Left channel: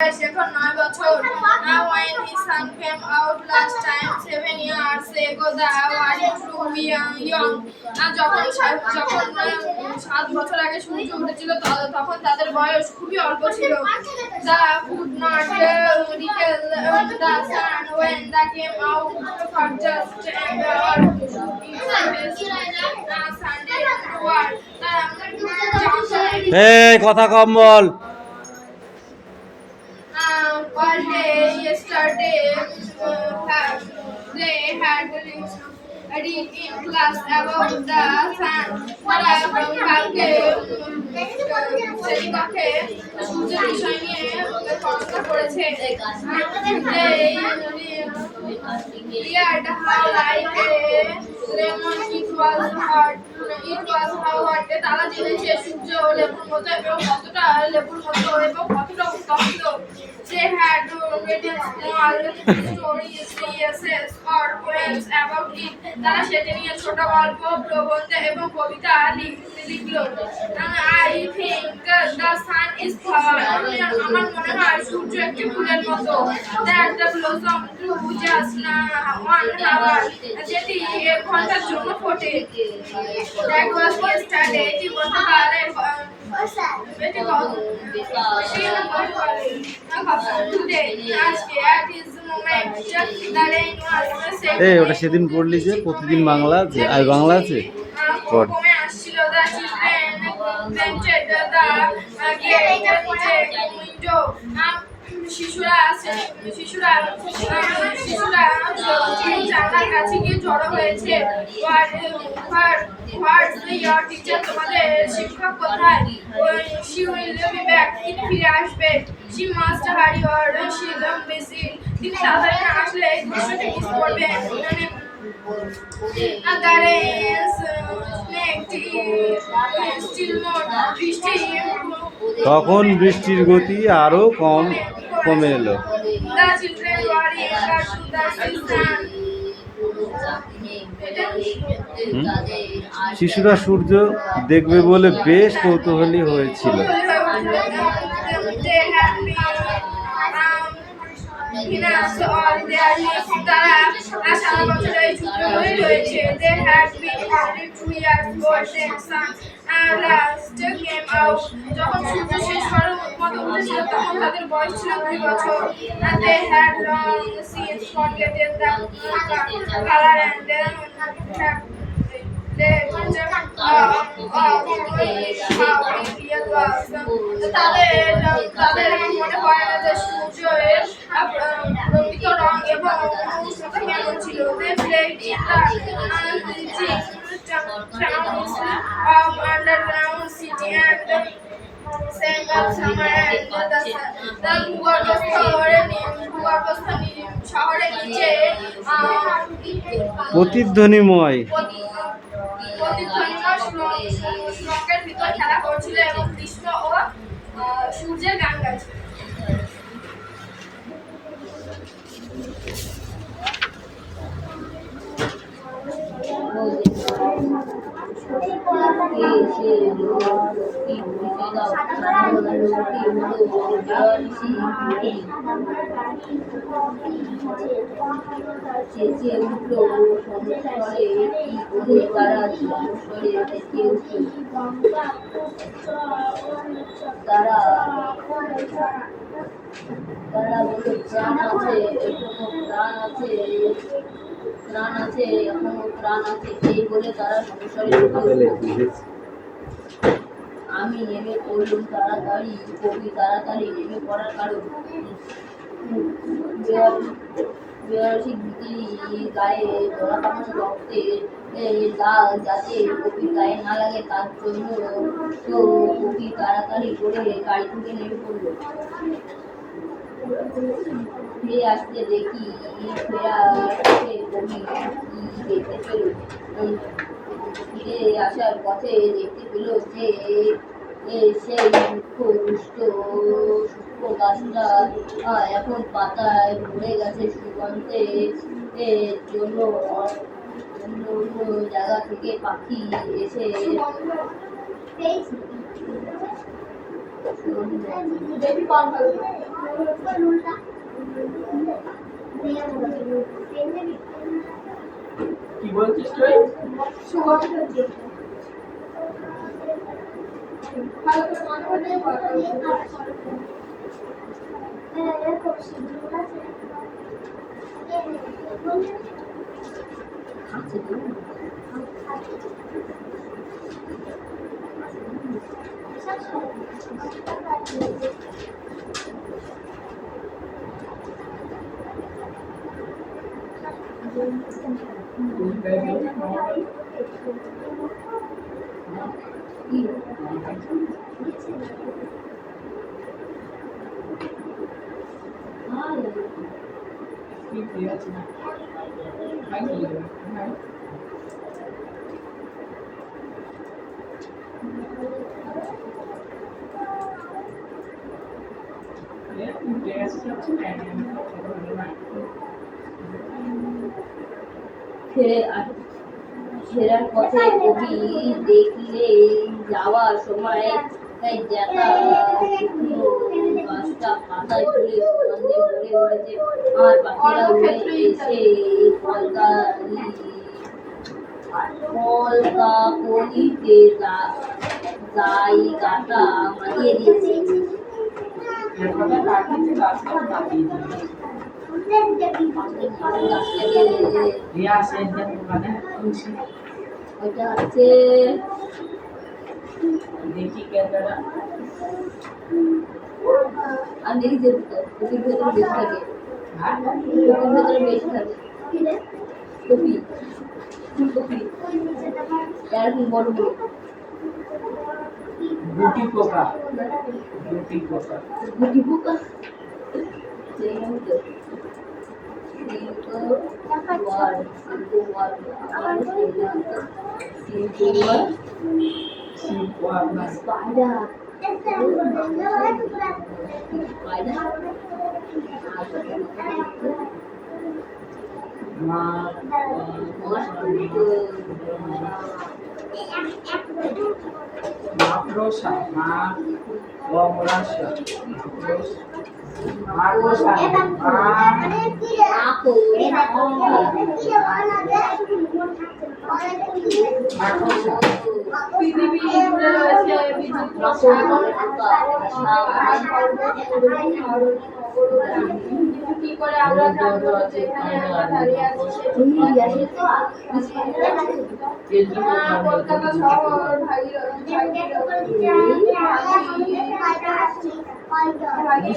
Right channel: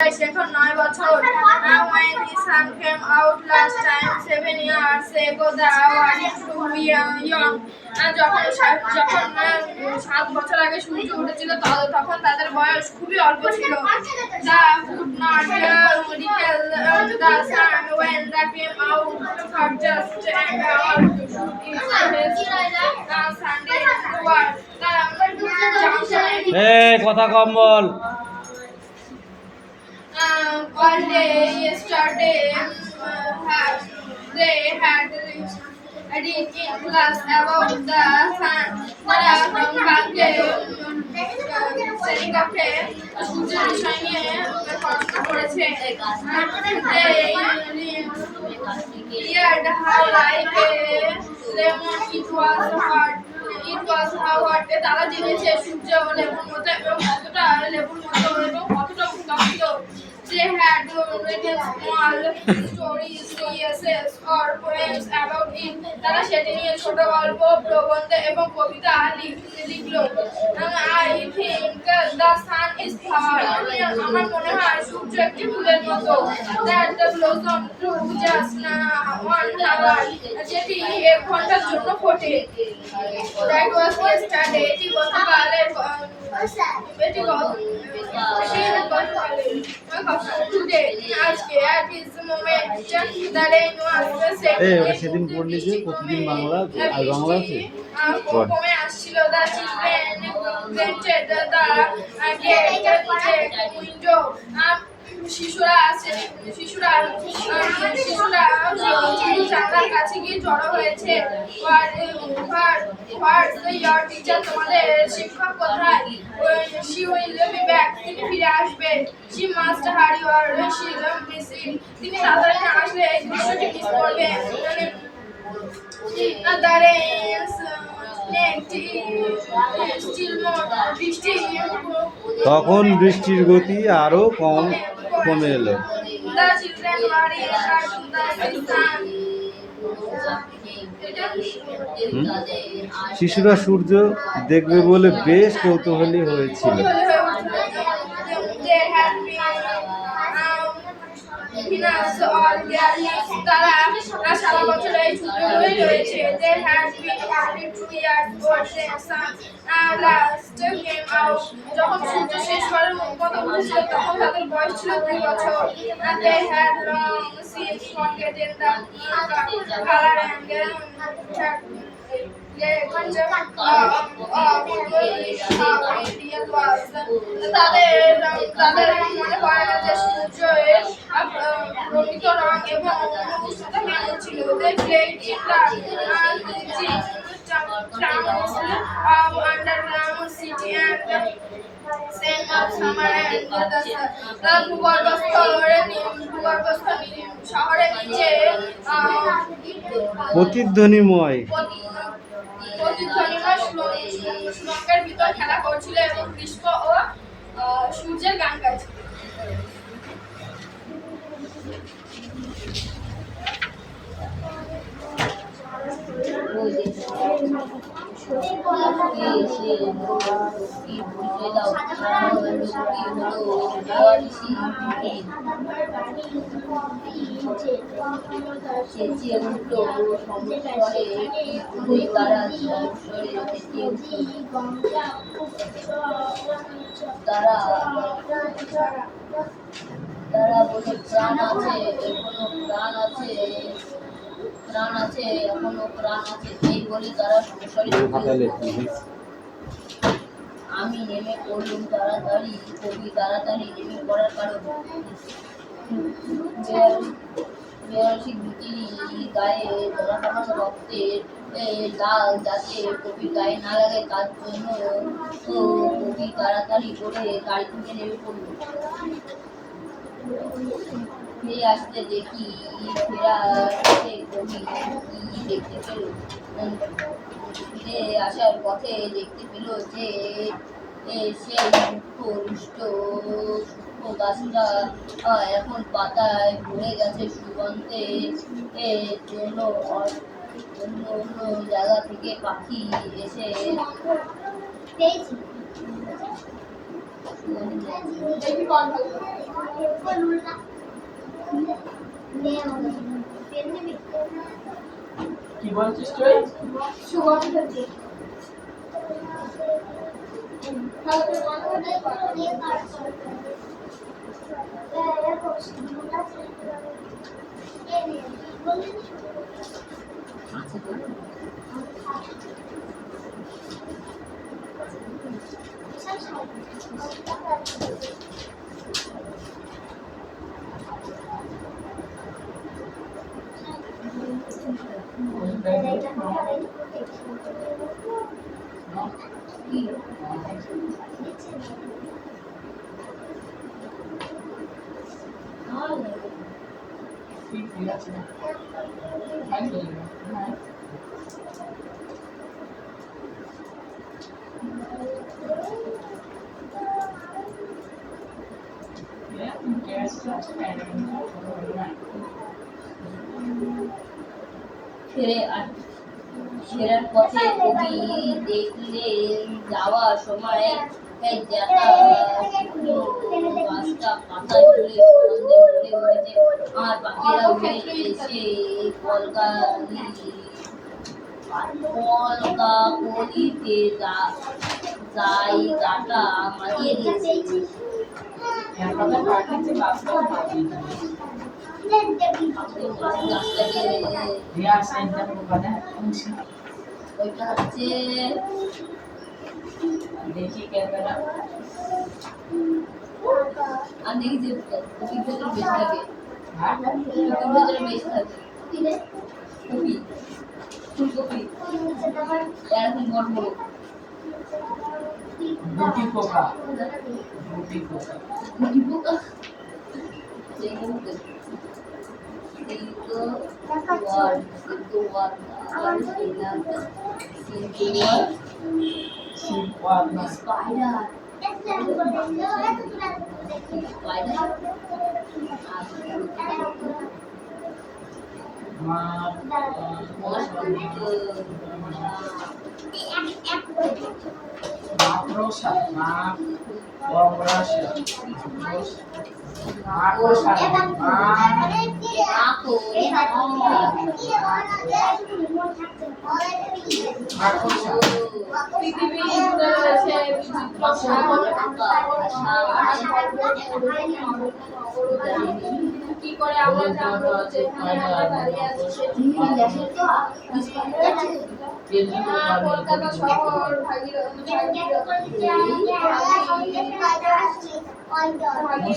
এখন 9 বছর। When his son came out last time 7 years ago, they were too young. যখন 7 বছর আগে সূর্য উঠেছিল তখন তাদের বয়স খুবই অল্প ছিল। They could not recall the sun when they came out for just an hour to shoot his Sunday work. কথা কম বল। All day yesterday, they had read in class about the sun. তারা কালকে শ্রেণীকক্ষে সূর্যের বিষয় নিয়ে পড়াশোনা করেছে। They read how like a lemon it was hot. তারা জেনেছে সূর্য লেবুর মতো এবং কতটা লেবুর মতো এবং কতটা উত্তপ্ত। They had written small stories, essays or poems about it. তারা সেটা নিয়ে ছোট গল্প, প্রবন্ধ এবং কবিতা লিখলো। I think the sun is flower. আমার মনে হয় সূর্য একটি ফুলের মতো। That the blossom grew just 1 hour. যেটি 1 ঘন্টার জন্য ফোটে। That was yesterday. এটি গতকালের today আজকে at this moment the rain was ওটা সেদিন পড়লি যে প্রতিদিন বাংলা আছে আর বাংলা আছে কমে আসছিল। The children painted the gate window. শিশুরা জানলার কাছে গিয়ে জড়ো হয়েছে। Your teacher, তোমাদের শিক্ষক কোথায়? She will be back. তিনি ফিরে আসবেন। She must hurry or she will be busy. তিনি তাড়াতাড়ি না আসলে এই দৃশ্যটি মিস করবেন। তখন বৃষ্টির গতি আরো কমে এলো। শিশুরা সূর্য দেখবে বলে বেশ কৌতূহলী হয়েছিল। সারা বছর এই ছোট হয়ে রয়েছে। They had been only 2 years old when sun last came out. যখন সূর্য শেষবারের মতো উঠেছিল তখন তাদের বয়স ছিল 2 বছর। They had long since forgotten the color and তাদের মনে পড়ে না যে সূর্যের প্রকৃত রং এবং উষ্ণতা কেমন ছিল। They played in the towns of underground city and sang of summer and the ভূগর্ভস্থ শহরের নিচে প্রতিধ্বনিময় শ্লোকের ভিতর খেলা করছিল এবং গ্রীষ্ম ও সূর্যের গান গাইছিল। তারা বলে প্রাণ আছে, এখনো প্রাণ আছে, প্রাণ আছে, এখনো প্রাণ আছে। এই বলে তারা সংসারে আমি নেমে পড়লুম তাড়াতাড়ি। কবি তাড়াতাড়ি নেমে পড়ার কারণ বেয়ারসি গীতি গায়ে ধরা তামাশা রক্তের দাগ যাতে কবির গায়ে না লাগে তার জন্য তো কবি তাড়াতাড়ি করে গাড়ি থেকে নেমে পড়ল। ফিরে আসতে দেখি কবি কি দেখতে পেল। ফিরে আসার পথে দেখতে পেল যে সেই মুখ্য রুষ্ট সূক্ষ্ম গাছটা এখন পাতায় ভরে গেছে সুগন্ধে। জন্য অন্য অন্য জায়গা থেকে পাখি এসে সুগন্ধি কি বলছিস তুই? ভালো করে মনে করে আছে তো? কি? ঠিক আছে। খাইনি হ্যাঁ। ফেরার পথে কবি দেখলেন যাওয়ার সময় দেখা শুকনো গাছটা পাতায় ফুলে সুগন্ধে ভরে উঠেছে। আর পাখিরা উড়ে এসে কলকাকলিতে জায়গাটা মাতিয়ে দিয়েছে। একবার পাঠিয়েছে গাছটা মাটিয়ে গাছটাকে রিয়া সেন্টার ওখানে খুশি ওইটা হচ্ছে দেখি ক্যামেরা আমি দেখি যে কপির ভেতরে বেশি থাকে, হ্যাঁ কপির ভেতরে বেশি থাকে কপি, ফুলকপি এরকম বড় বড় গুটি পোকা গুটি পোকা গুটি পোকা যেমন তো সিল্ক ওয়ার্ড আবার সিল্ক ওয়ার্ড সিলওয়ার না স্পাইডার স্পাইডার মা মাকড়সা মা বমরাসা মাকড়সা মাকড়সা পৃথিবী জুড়ে রয়েছে বিচিত্র কি করে আমরা জানবো যে আমরা দাঁড়িয়ে আছি? কলকাতা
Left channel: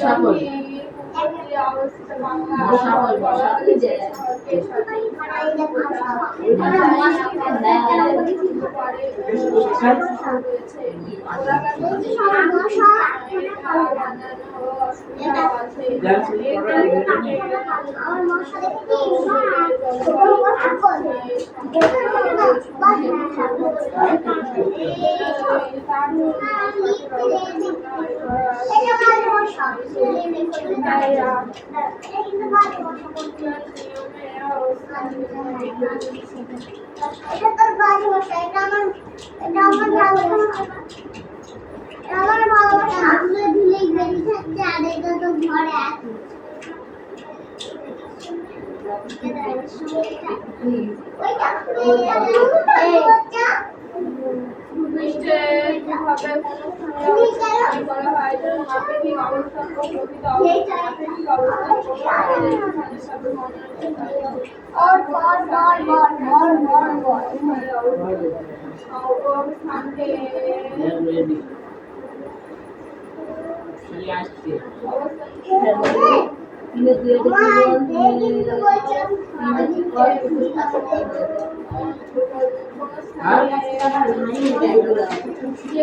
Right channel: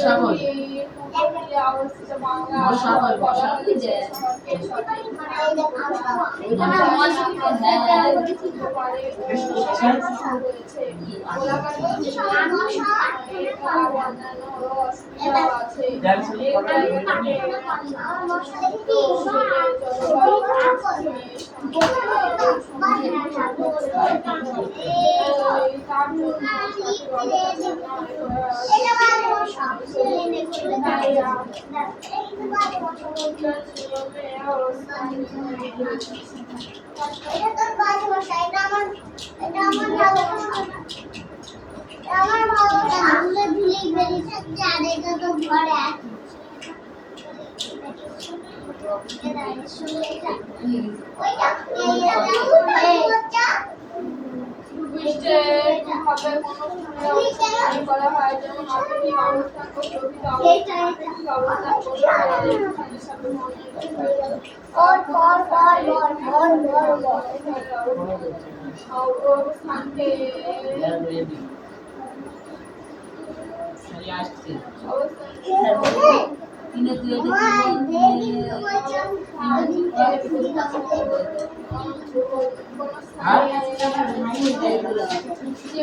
শহর অবস্থিত আমার ভালোবাসা আসলে ভুলেই বেরিয়েছে যে আরেকটা তো ঘরে আছে করা হয় যেন আপেক্ষিক অবস্থান ও প্রকৃত অবস্থান অবস্থানকে আসছে তিনে দুই কি যে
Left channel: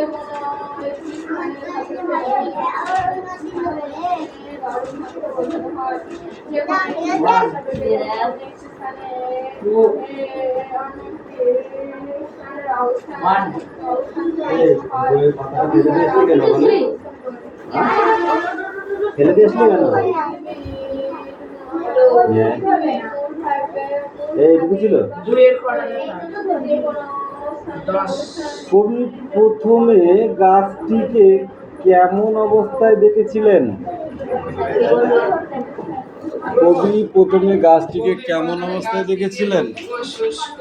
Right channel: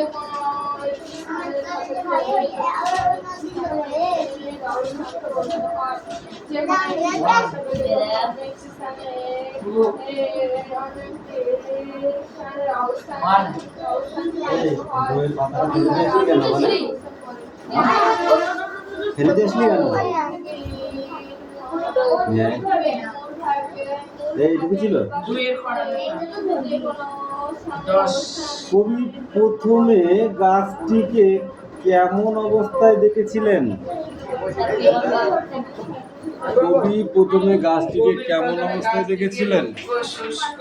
ফেলে দিয়েছিলি কেন? এইটুকু ছিল। কবি প্রথমে গাছটিকে কেমন অবস্থায় দেখেছিলেন? কবি প্রথমে গাছটিকে কেমন অবস্থায় দেখেছিলেন? শুষ্ক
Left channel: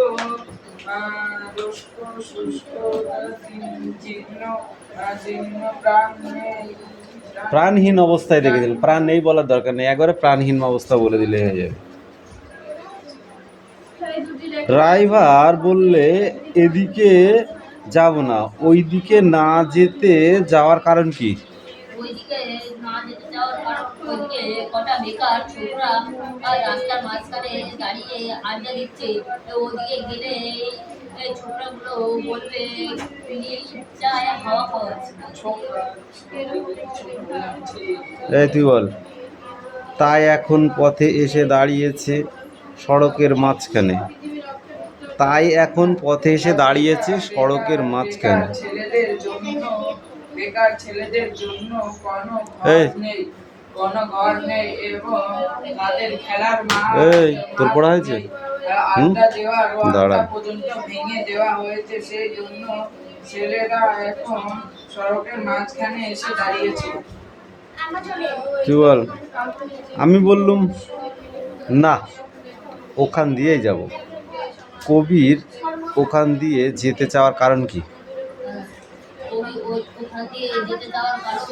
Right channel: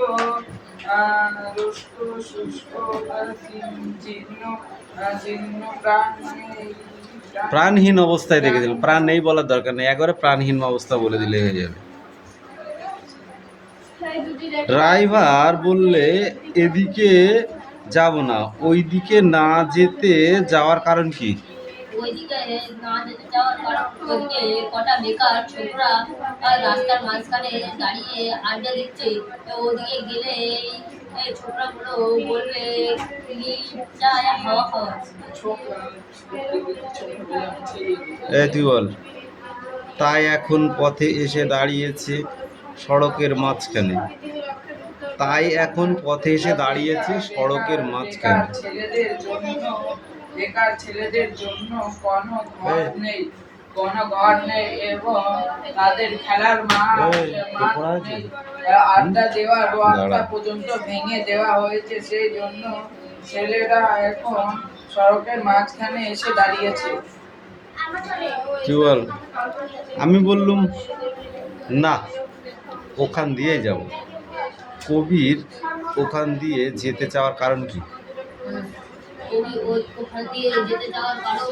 রুষ্ক শুষ্ক জীর্ণ জীর্ণ প্রাণ নেই। প্রাণহীন অবস্থায় দেখেছিলেন। প্রাণ নেই বলার দরকার নেই, একবারে প্রাণহীন অবস্থা বলে দিলে হয়ে যাবে। ড্রাইভার বললে এদিকে যাব না, ওই দিকে না যেতে যাওয়ার কারণ কি? ওইদিকে না যেতে চাওয়ার কারণ ওইদিকে কটা বেকার ছোকরা আর রাস্তার মাঝখানে দাঁড়িয়ে আড্ডা দিচ্ছে। ওদিকে গেলে এই ছোকরাগুলো বলবে যায় হাওয়া খাওয়া। এই তুই বল। তাই এখন পথে এসে দাঁড়িয়েছে সড়কের মাঝখানে। তাই এখন পথে এসে দাঁড়িয়েছে সড়কের মাঝখানে। বেকার ছেলেদের জন্য কোনো এই। ঘর নেই, কোনো ঘর নেই এবং তাদের খেলার মাঠ এই, তোর পড়া হয়েছে? নেই। আড্ডা দেওয়ার দাঁড়া। রাস্তা পর্যন্ত ভেঙে দেওয়া হয়েছে, সেই জন্য ছেলেরা এখন সড়কের মাঝখানে এসে দাঁড়িয়েছে। তুই বল। আমি বললুম না, ওখান দিয়েই যাব। কবির ওখান দিয়ে যেতে চাওয়ার কারণ কি? ওখান দিয়ে যেতে যাওয়ার কারণ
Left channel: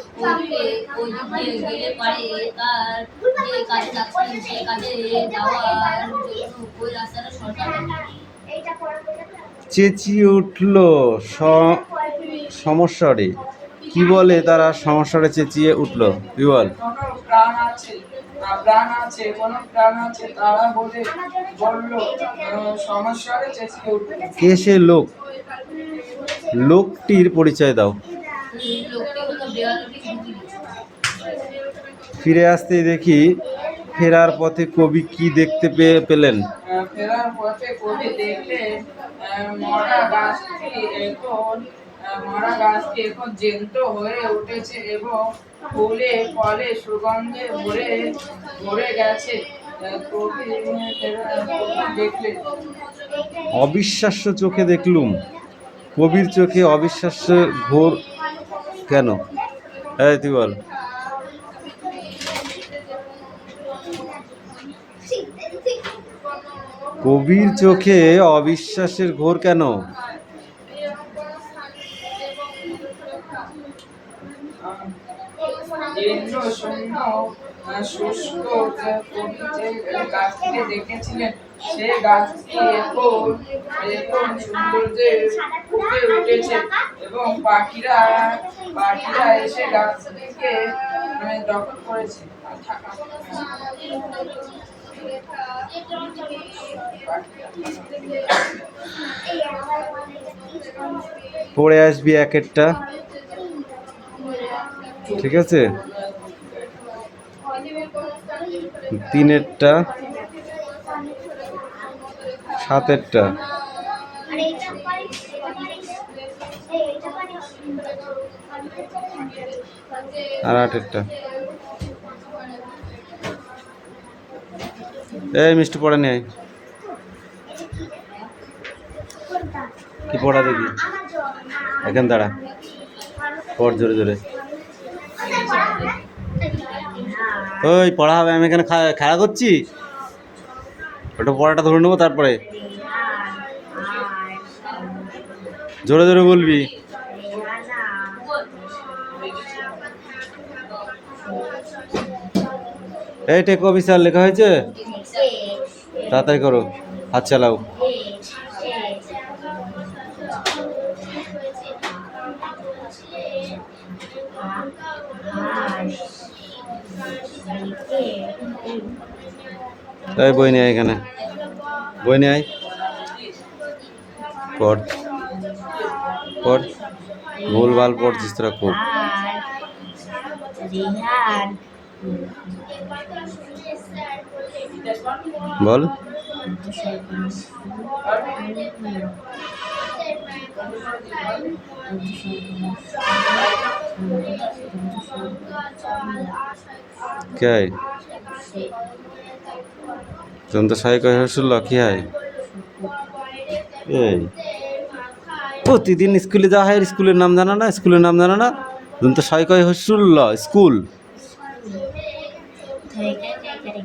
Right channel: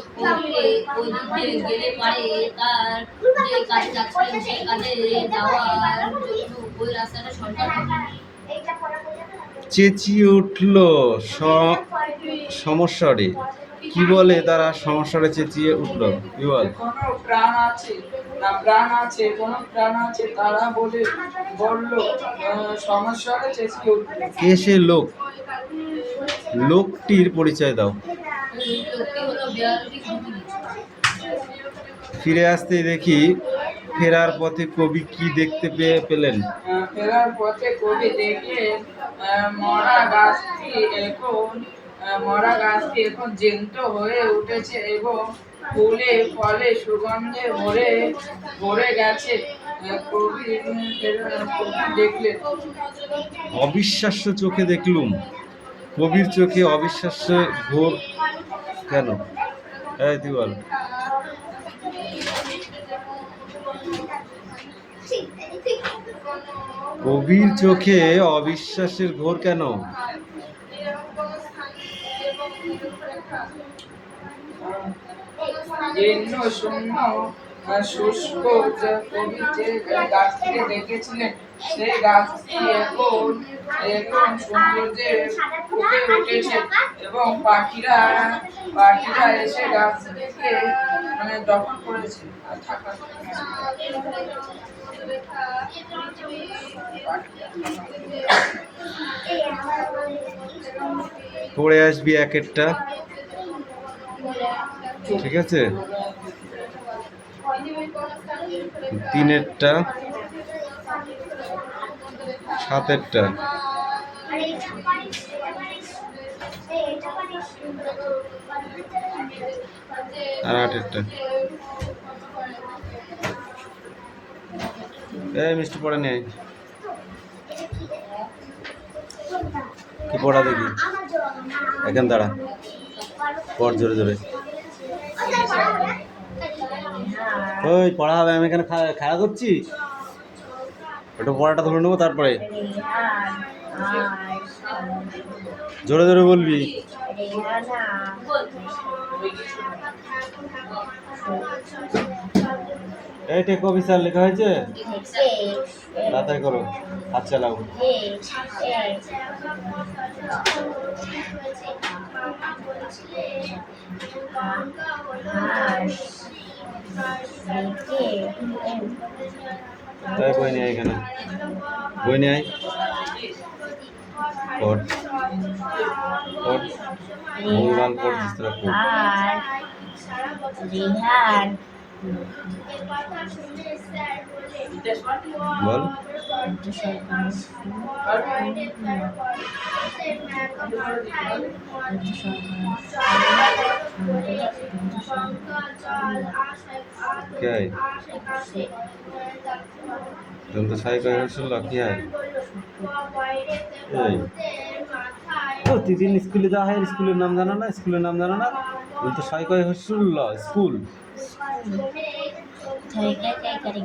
ওই দিকে গেলে পারে তার যে কাজে যাচ্ছিলেন সেই কাজে যাওয়ার জন্য ওই রাস্তাটা সরকার চেঁচিয়ে উঠল সমস্যারে। কি বলে তারা সমস্যারে চেঁচিয়ে উঠল? তুই বল। কোনো প্রাণ আছে, প্রাণ আছে, কোনো প্রাণ আছে, তারা বলল সমস্যারে চেঁচিয়ে উঠল। কে সে লোক? লোকটির পরিচয় দাও। লোকটি হলো বেয়ারটি ঘুগি। ফিরে আসতে দেখি ফেরার পথে কবি কি দেখতে পেলেন? ফেরার পথে কবি দেখলেন মরা গাছটি এখন জ্যান্ত হয়ে উঠেছে এবং ফুলে ফলে সুগন্ধে ভরে গেছে। কবি দেখলেন। অবিশ্বাস্য চোখে দেখলুম। কবির চোখে অবিশ্বাস্যের ঘোর কেন? এই তুই বল। কবির চোখে অবিশ্বাসের ঘোর কেন? জীর্ণ শূন্য শুষ্ক কবি যে গাছটিকে দেখেছিলেন সেই গাছটি এখন সৌন্দর্যে ফুটে উঠেছে এবং পাখিরা এসে গাছটিকে দখল করেছে। পড়ে আসবি এক একটা, ঠিক আছে? তিনেরটা, সাতেরটা আর আটেরটা। এই মিষ্টি পড়া নেই। কি পড়া দেখি? এখন দাঁড়া, পড় জোরে জোরে। ওই পড়া হবে, আমি এখানে খেলা করছি। ওটা পড়াটা ধরে নেবো, তারপরে জোরে জোরে বলবি। এই টেক অফিসার লেখা হয়েছে? তাড়াতাড়ি করো, হাত চালাও। এই বই নিয়ে এখানে, বই নিয়ে পড় পড়, ভুলভাল পড়ছিস তোরা খুব। বল। কে দন্ত সাই কয় হসুল কি হয়? এই প্রতিদিন স্কুলে যাওয়া হয়, স্কুলের নাম জানা না? স্কুলের নাম জানা না? দন্ত সাই কয় হসুল স্কুল। থেকে ফিরে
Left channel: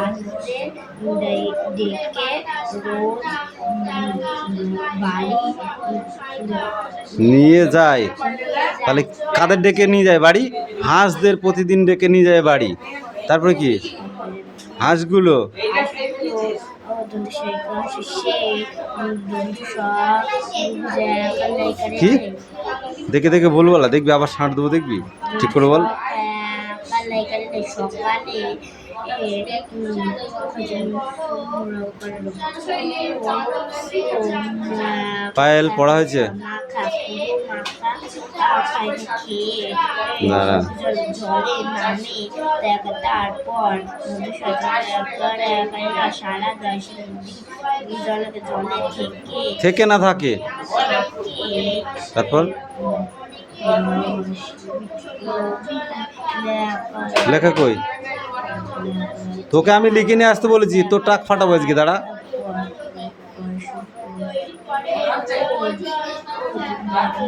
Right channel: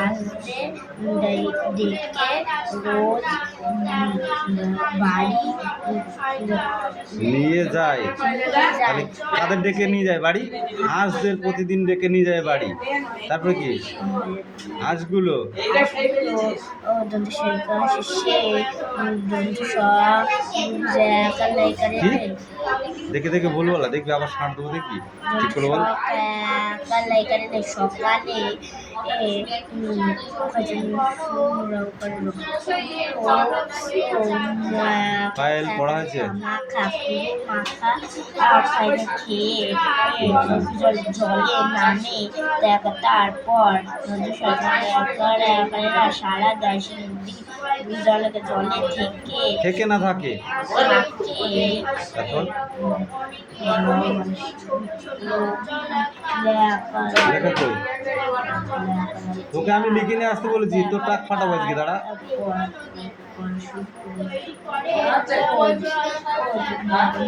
হাসতে ডেকে রোজ বাড়ি নিয়ে যায়, তাহলে কাদের ডেকে নিয়ে যায় বাড়ি? হাঁসদের প্রতিদিন ডেকে নিয়ে যায় বাড়ি। তারপরে কি? হাঁসগুলো কি দেখে দেখে বলবো না, দেখবি আবার ছাড় দেবো, দেখবি ঠিক করে বল। সকালে পায়েল পড়া হয়েছে? দাঁড়া। জলে নামে তারপর সারা জলে থেকে না থাকে, তারপর লেখা কই? তোকে আমি লিখে নিয়ে আসতে বলেছি, তোর টাক ফাটাবো আজকে, দাঁড়া।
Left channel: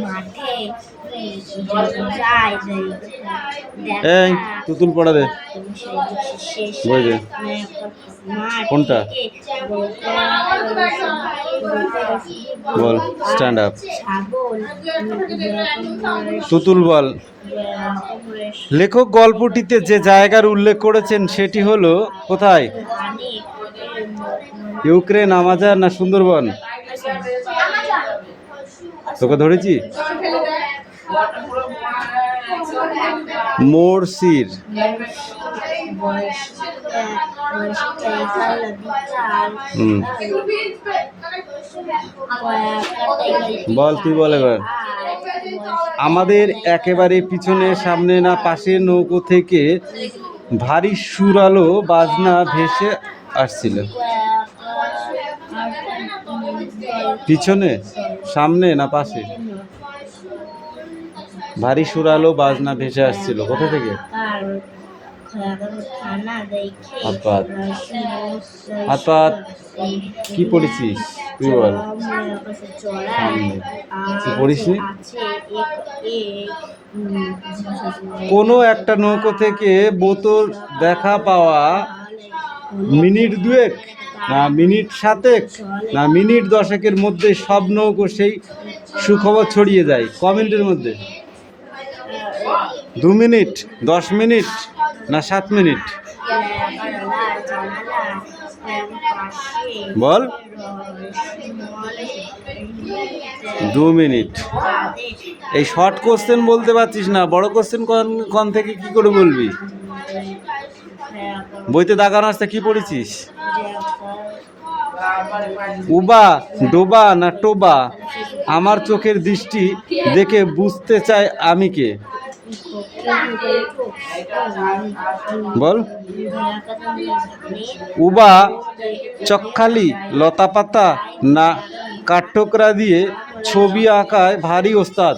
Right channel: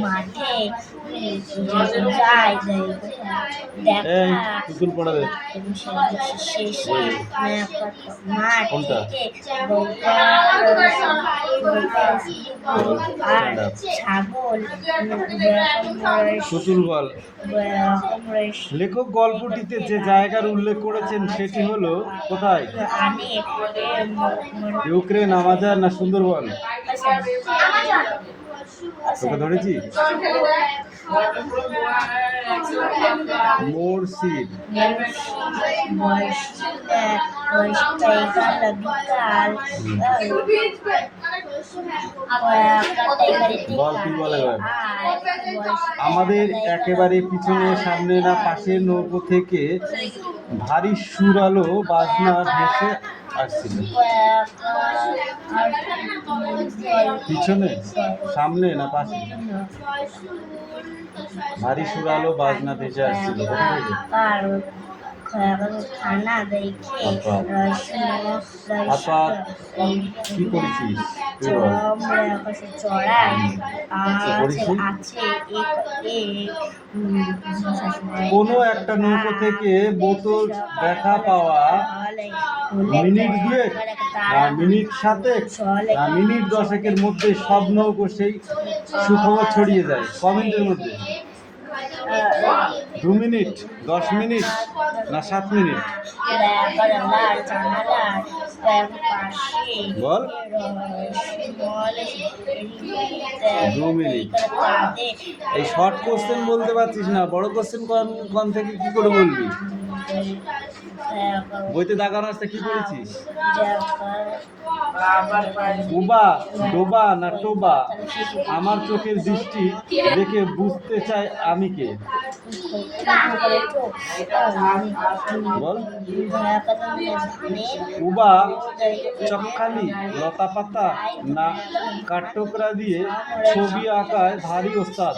মাঠে যায় এই তুতুল পড়া দে, বই দে। কোনটা? বল, স্ট্যান্ড আপ। তুতুল বল। লেখক গল্পটিতে যে জায়গার উল্লেখ করেছেন সেটি হলো কোথায়? ইউক্রেন, আমাজন না সুন্দরবন? তোকে ধরেছি? মোরসির। বল, তুই বল এবার। আমাদের একেবারে পিছনে, সামনে না পাশে নৌকো থেকে ভারী সুরালো বাজনা ভেসে আসছিল। পিছনে, সামনে না পাশে? ভারী সুরালো বাজনা ভেসে আসছিল কোথা থেকে? কি পড়েছিস তুই বল? কোনো একটা নৌকো থেকে বোতল দেখা পাওয়া মিনিট দুয়েক না মিনিট সাতেক না মিনিট দশেকের মধ্যে সব নৌকো সেই সুখবর ছড়িয়ে যায়। ক মিনিটের মধ্যে? 2 মিনিট, 10 মিনিট না 7 মিনিট? বল। 2 মিনিট। এই শর্ট কোশ্চেন বলতে পারছিস না, বড় কোশ্চেন কোন থেকে কি করে বলবি? বইতে দাগানো আসতে কি পড়েছিস? উবা, ডোবা না টোবা? আমার চোখের দৃষ্টি দেখে বুঝতে চাই আমি কে? বল। উবা চকখালি, লতা পাতা না কাঠঠোকরা দিয়ে ছবি আঁকায় ভারী ওস্তাদ?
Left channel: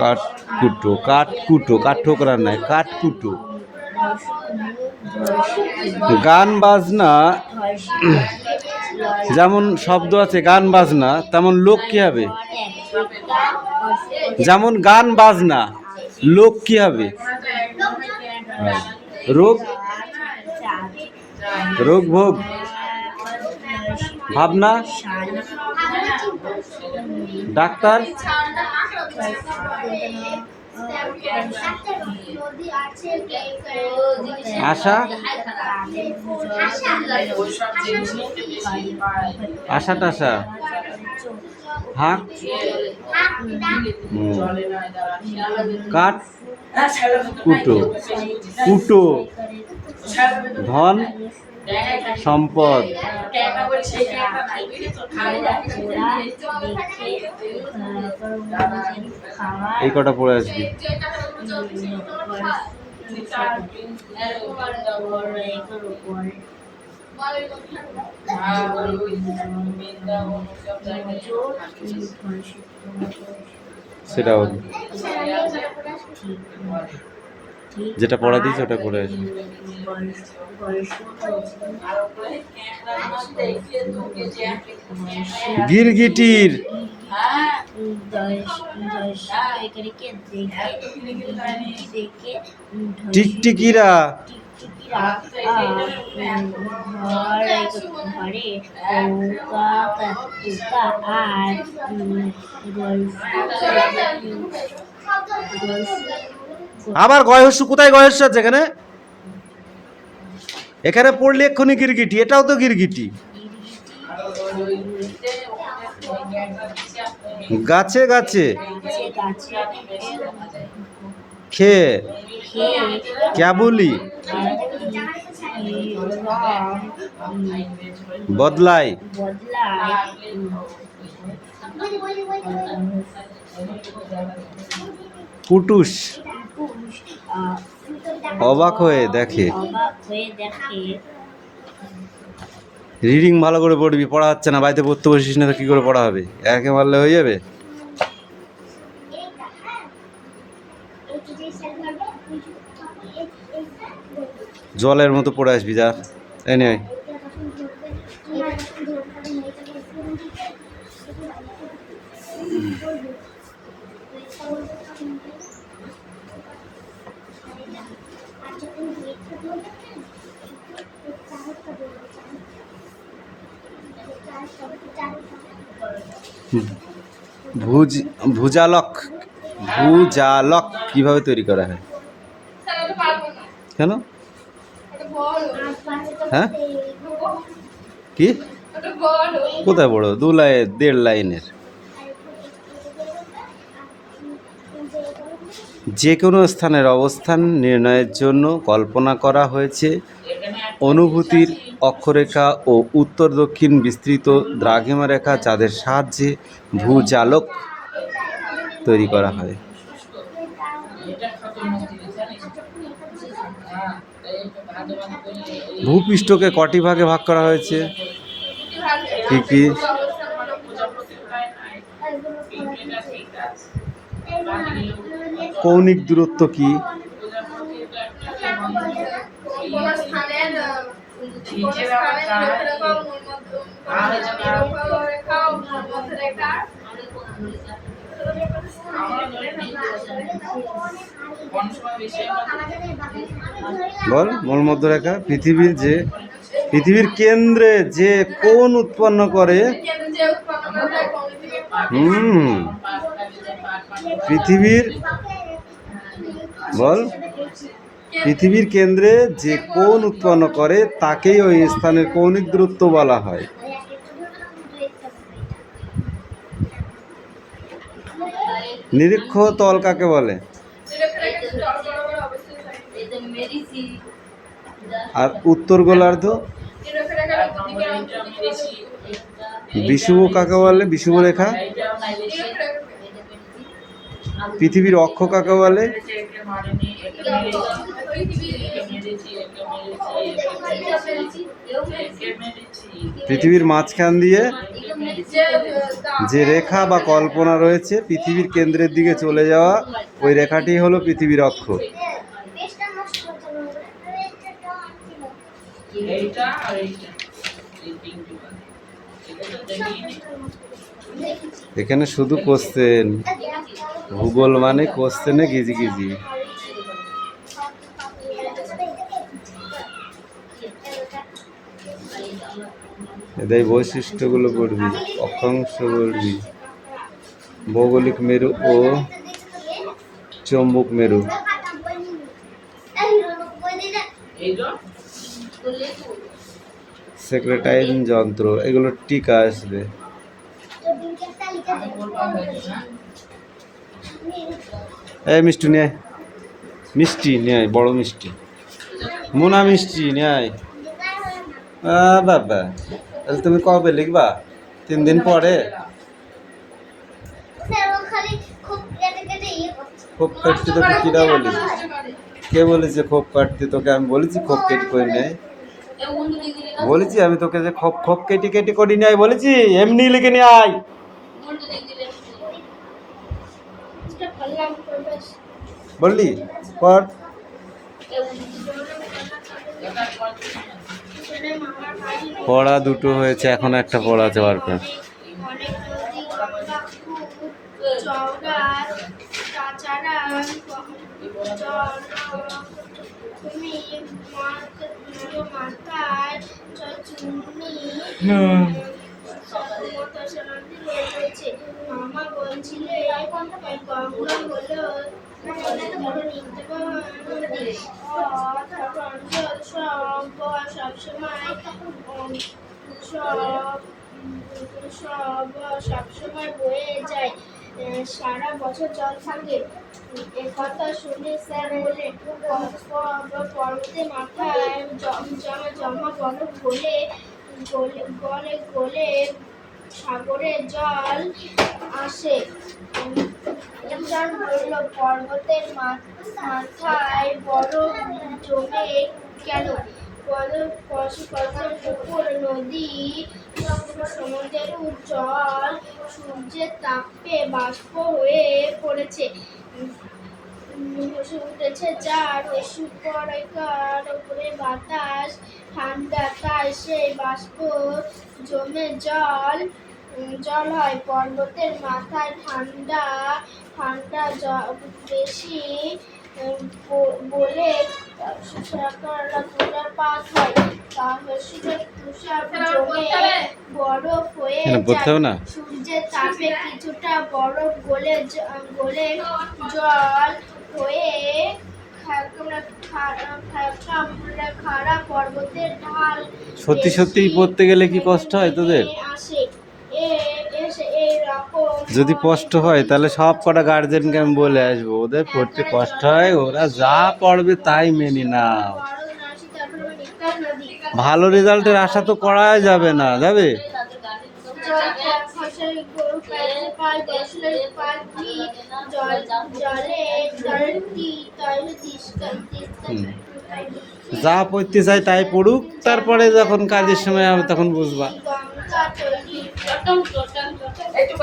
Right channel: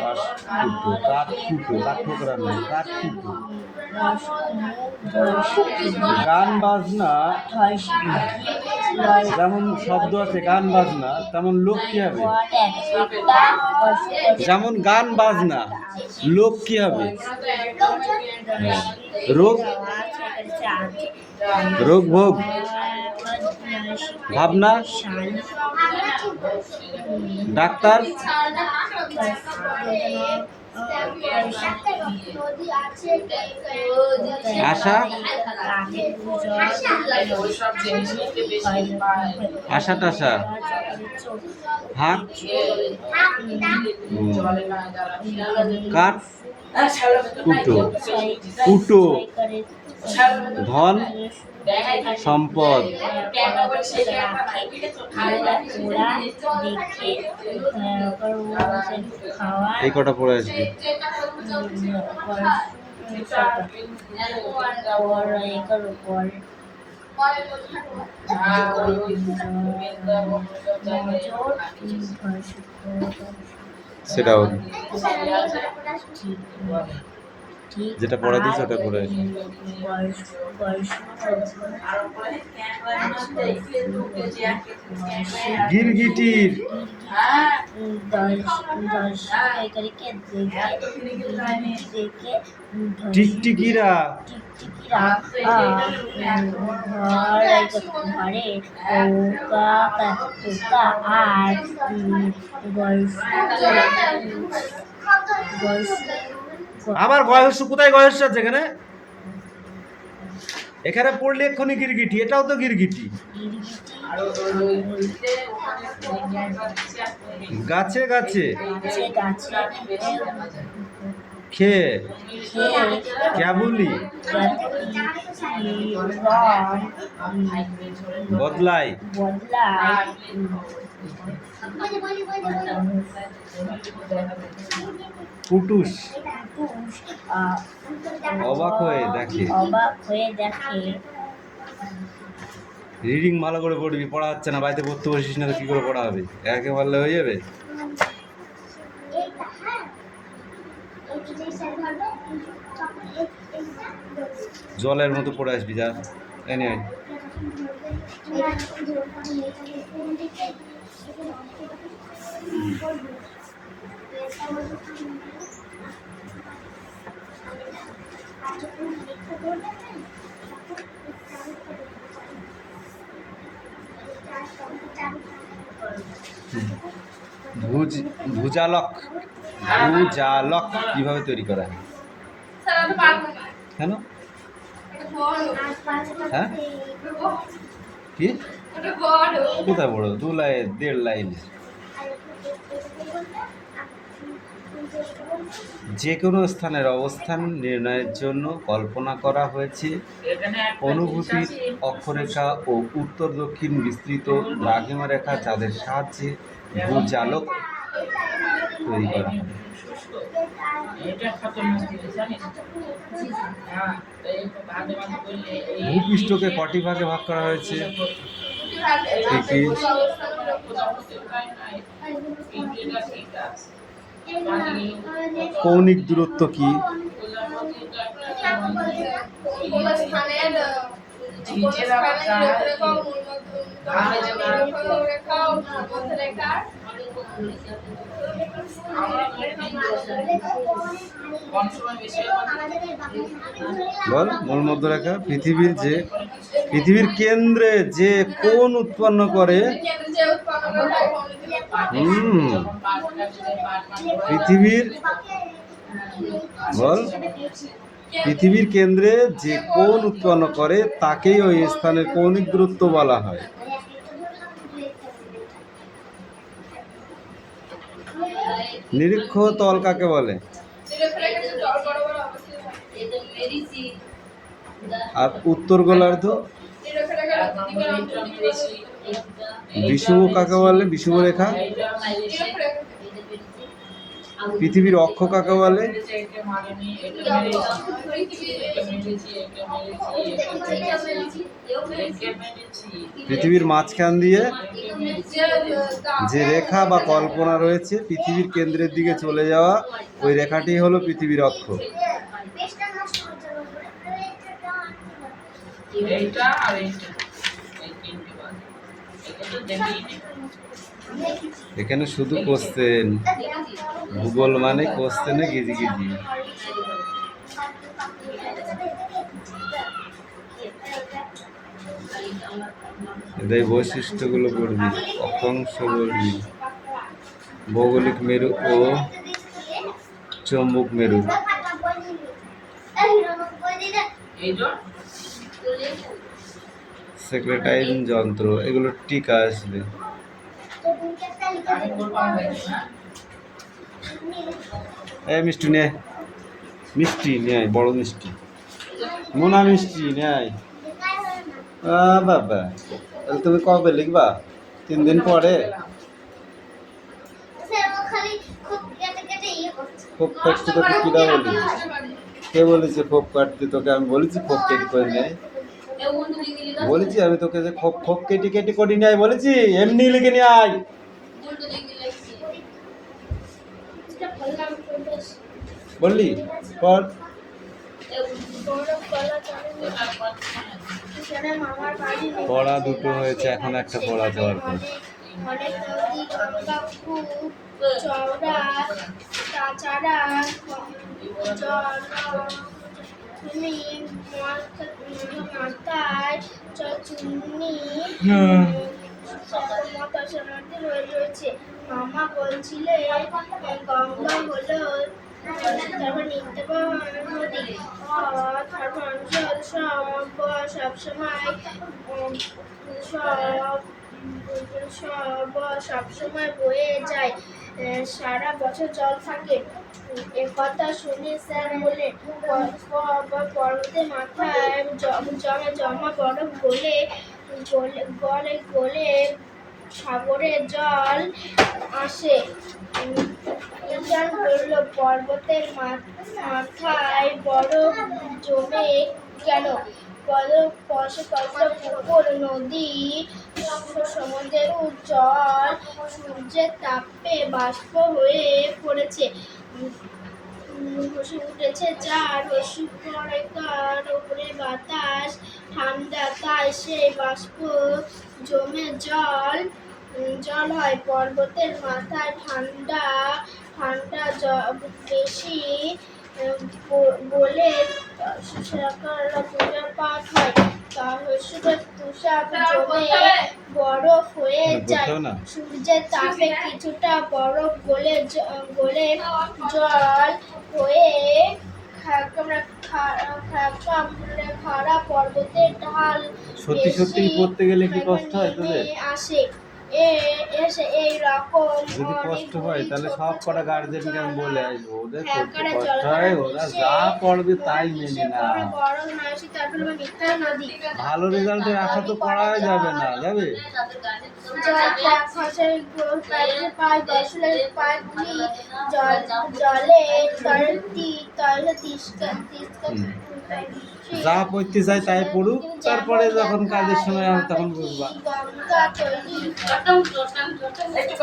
কাঠকুটো, কাঠকুটো, কাঠঠোকরা নয়, কাঠকুটো। গান বাজনা যেমন শব্দ আছে গান বাজনা, তেমন লোক কি হবে? যেমন গান বাজনা, লোক কি হবে? রোগ, রোগ ভোগ, ভাবনা, ডাক্তার, আশা, আশা টাশা, হাত, কাঠ কুটো, কুটো, ধন সম্পদ। এই কটা পড়ে আসবি। সেটা ওর ঠিক ঠিক যেটা পড়া দিয়েছে আর ওটা পড়ে আসো। বয়স আর উপরে ক্যামেরার মধ্যে এগুলো দু কেজি এক কেজি গিরগিটির হ্যাঁ দশ একারিকে দেখে টিকটিকিরা টিকটিকিরা ঘরে পোকা আর আবার গয়স্য কোথায় গয়স্য আছে এখানে? এখানে পড়লে এক্ষুনি গিরগিটি, এটাও তো গিরগিটি। আর ওই যে ওখানে ক্যামেরা দিচ্ছে গাছে গাছে গাছে খেয়ে খেয়ে ক্যাবুলি বদলায় বদলায় পুটুস অবাক হয়ে দেখে। রিডিং ভালো করে পড়বি, পড়া হচ্ছে না, বাড়িতে পড়তে বসিস না তো কী করে পড়া হবে? একে মারলে হয়ে যাবে? জলের মতো পড়ে আসবি, যা এনে ভুজালক ভুজালক কিভাবে তৈরি করা হয়? স্যার আমি পারবো না, কেন? এটা বড়, হ্যাঁ কি এটা বড়। কোথায় বড়? 1.5 লাইনের। যে কোনো স্থানের অবস্থান নির্ণয়ের জন্য কল্পনা করা হয়েছে অনুভূতির অক্ষরেখা ও উত্তর দক্ষিণ বিস্তৃত দ্রাঘিমা রেখা, যাদের সাহায্যে ভূজালক তৈরি করা হয়। ভূপৃষ্ঠকে কটি ভাগে ভাগ করা হয়েছে? কি কি? কৌণিক দূরত্ব কি? বল। মূল মধ্যরেখা পৃথিবীর কেন্দ্রে যে কোণ উৎপন্ন করে। পৃথিবীর কেন্দ্রে যে কোণ উৎপন্ন করে তাকেই ওই স্থানের কৌণিক দূরত্ব বলা হয়। নিরীক্ষ তল কাকে বলে? আর উত্তর গোলার্ধ? বিষুব কাকে বলে? বিষুব রেখা। পৃথিবীর অক্ষ কাকে বলে? পৃথিবীর মাঝখান দিয়ে যে রেখা বা কল্পনা রয়েছে পৃথিবীর কেন্দ্রের দিকে চলে যাওয়া, ওই রেখাটি হলো পৃথিবীর অক্ষ। এখানে শুধু কোশ্চেন, ভূগোল মানে কোশ্চেনে গিজি গিজি। এদের বৈশিষ্ট্যগুলো পড়বি, অক্ষাংশ পড়বি, ভৌগোলিক মেরু ও চৌম্বক মেরু। সেক্রেটাইন যন্ত্র, এগুলো টিকা আসবে। এই মিষ্টি নেয়, মিষ্টি নেয়, বড় মিষ্টি, মোনা মিষ্টি নেয়। বাবা, তাহলে তুমি কবে লিখবা? 3 দিন পরে? খোপ কাটতে তোকে কিরা বলি? কে বলেছে খোপ কাটতে তোকে? আমি বলেছি খোপ কেটে করে নেয়? বলেছি আমি তোকে যে খোপ কেটে কেটে করি নাই? বলেছি এমনি লিখে নিয়ে আয়। বললি পর। মামার বাড়ি পড়া দুটো হয়েছে, এখন একটা পড়া আছে বার কর। অনেক নদী গঙ্গা খুব চওড়া, তাছাড়া জল তুমি মাথায় চুন্নি মতাশা নদী রয়েছে। মামা বলছিলে গঙ্গা হলো তারপর নিত্য নদী, তারপর সবসময় সবসময় বয়ে যায়, সারা বছর জল থাকে। একথা শুনে স্যার বললেন পর্বতের মাথায় জমা বরফ গলে গলে গলে সাগরে জল আসে। ইন্দ্রাণ বলল, পর্বতের মাথায় বরফ জমে কেন? পুকুর, নদী, সমুদ্রের জল সূর্যের তাপে বাষ্প হয়ে পড়েছে, উঠেছে, যার রশ্মিকণার উপরে বাতাস ঠান্ডা, তাই সেই বাষ্প জমে জল হয়। পর্বতের মাথায় ঠান্ডা ঠান্ডা বেশি বলে তুষারপাত হয়, তুষার জমে বরফ হয়ে যায়। সূর্যের তাপে কিছুটা বরফ গলে জল হয়ে খাড়া পর্বতের ঢাল সত্যি সত্যি পড়তে গেলে কি কষ্ট হয় তোদের? আসে এই রকম যদি কষ্ট হয় তাহলে সব কটা গার্জেনকে আমি বলে আসবো, ওদের পড়তে কষ্ট হয়, ওরা যা পড়বে তাই মেনে না। ভালো রেজাল্টের আশা তো করাই যাবে না, যাবে? যা পড়তে চাই তাই পড়ুক, তারপরে যখন কাজের সময় হবে তখন বুঝবা। একটু